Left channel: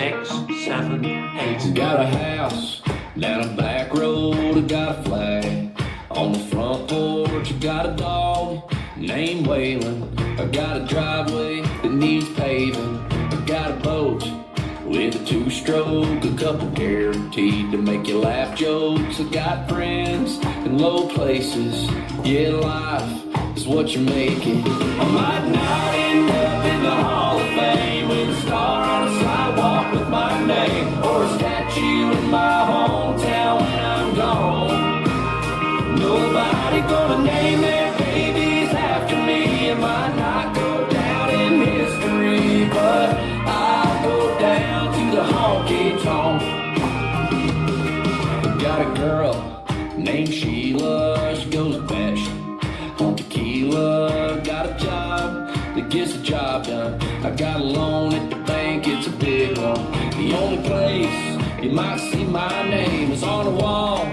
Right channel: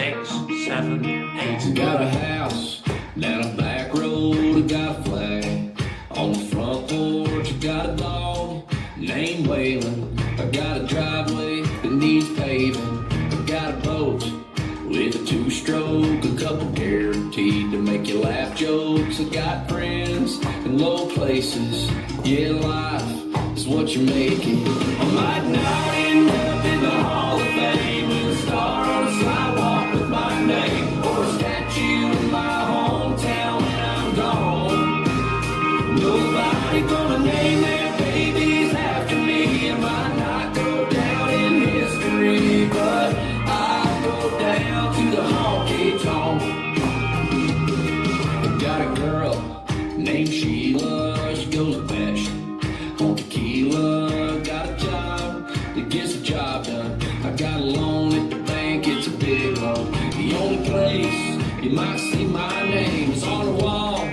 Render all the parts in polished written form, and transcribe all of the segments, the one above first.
6, 7, 8. You got a house down a back road, you got a flag on the front porch, you got a dog named Waylon. I got a driveway that needs paving. I got a boat with a 2-stroke, a couple guaranteed to make you laugh jokes. I got friends in low places, yeah, life is what you're making. I might not end up in the Hall of Fame with a star on a sidewalk with my name, or a statue in my hometown when I'm gone. Nobody gonna name their babies after me. It might not go down in history, but I go down to the honky tonk. Got a girl named Sheila, she goes best on tequila. Got a job that gets the job done. I got a loan at the bank, it's a big loan. The only place you might see my name is on the wall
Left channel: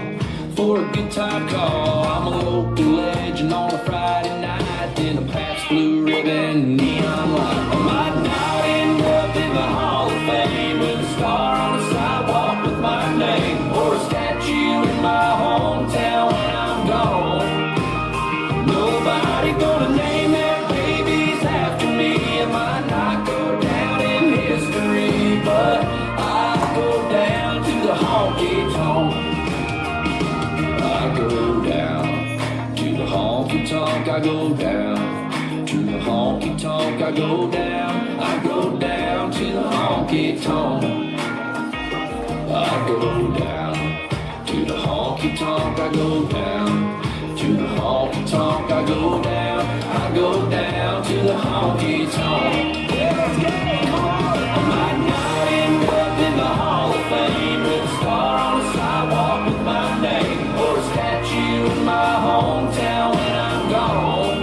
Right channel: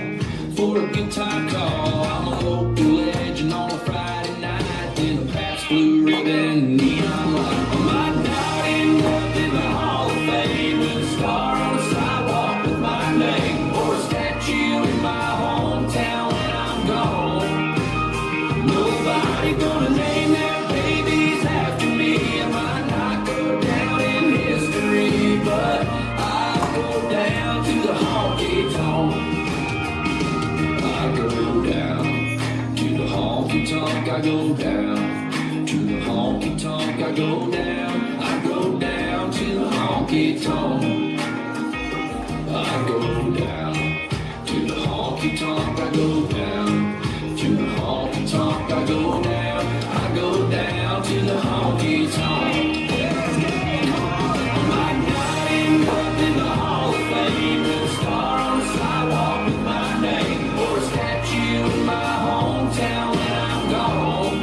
for a good time call. I'm a local legend on a Friday night in a Pabst Blue Ribbon neon light. I might not end up in the Hall of Fame with a star on a sidewalk with my name, or a statue in my hometown when I'm gone. Nobody gonna name their babies after me. It might not go down in history, but I go down to the honky tonk. I go down to the honky tonk. I go down to the honky tonk. I go down. I go down to the honky tonk. I go down to the honky tonk. I go down to the honky tonk. I go down. I go down to the honky tonk. I might not end up in the Hall of Fame with a star on the sidewalk with my name, or a statue in my hometown when I'm gone.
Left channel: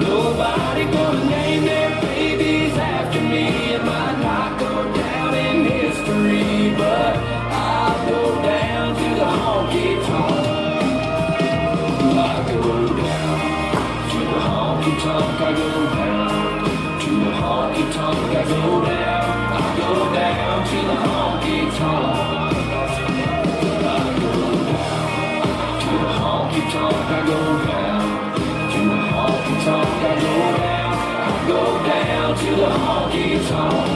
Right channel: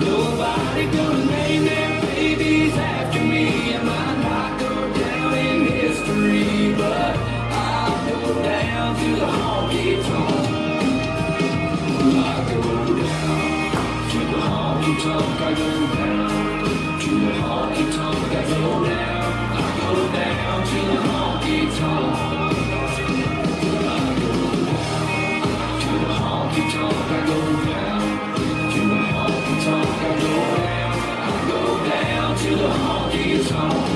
Nobody gonna name their babies after me. It might not go down in history, but I'll go down to the honky tonk. I go down to the honky tonk. I go down to the honky tonk. I go down. I go down to the honky tonk. I go down to the honky tonk. I go down to the honky tonk. I go down. I go down to the honky tonk.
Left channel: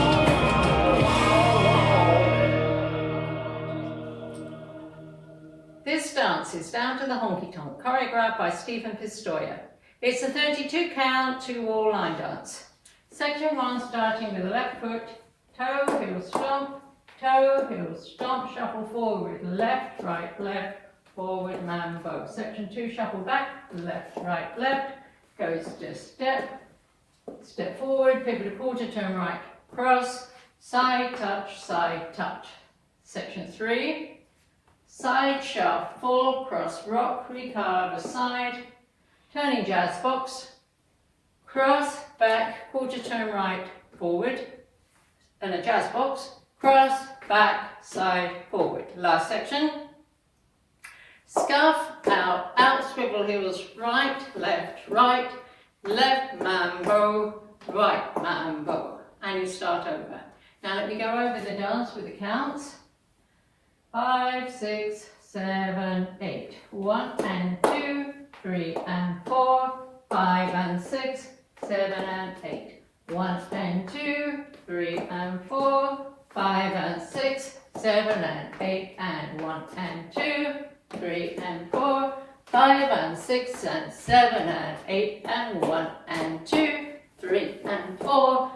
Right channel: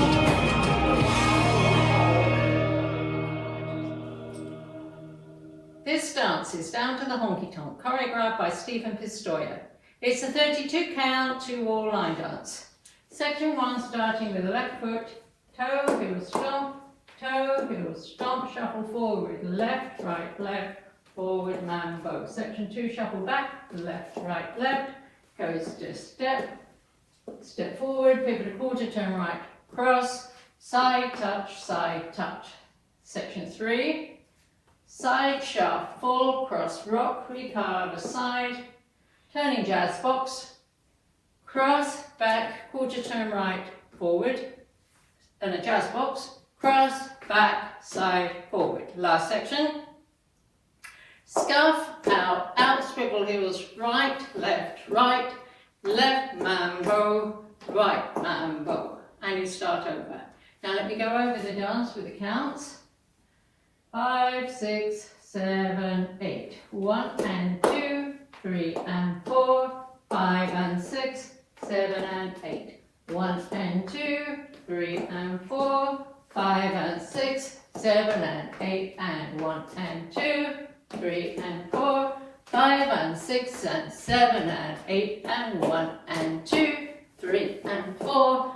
This dance is Down to the Honky Tonk, choreographed by Stephen Pistoia. It's a 32 count, 2-wall line dance. Section 1 starting with the left foot, toe, heel, stomp, shuffle forward, left, forward, mambo. Section 2, shuffle back, left, goes to step forward, pivot a quarter, turn right, cross, side touch, Section 3, side shuffle, cross rock, recard aside, turning jazz box, cross, back, quarter turn right, forward, and a jazz box, cross, back, side, forward. Last section. Scuff, out, swivel heels, right, left, mambo, right, mambo. And you start over. Now let me go over the dance with the counts. 5, 6, 7, 8. 1 and 2, 3 and 4, 5 and 6, 7 and 8. 1 and 2, 3 and 4, 5 and 6, 7 and 8, and 1 and 2, 3 and 4, 5 and 6 and 7 and 8, and 1 and 2, 3 and 4,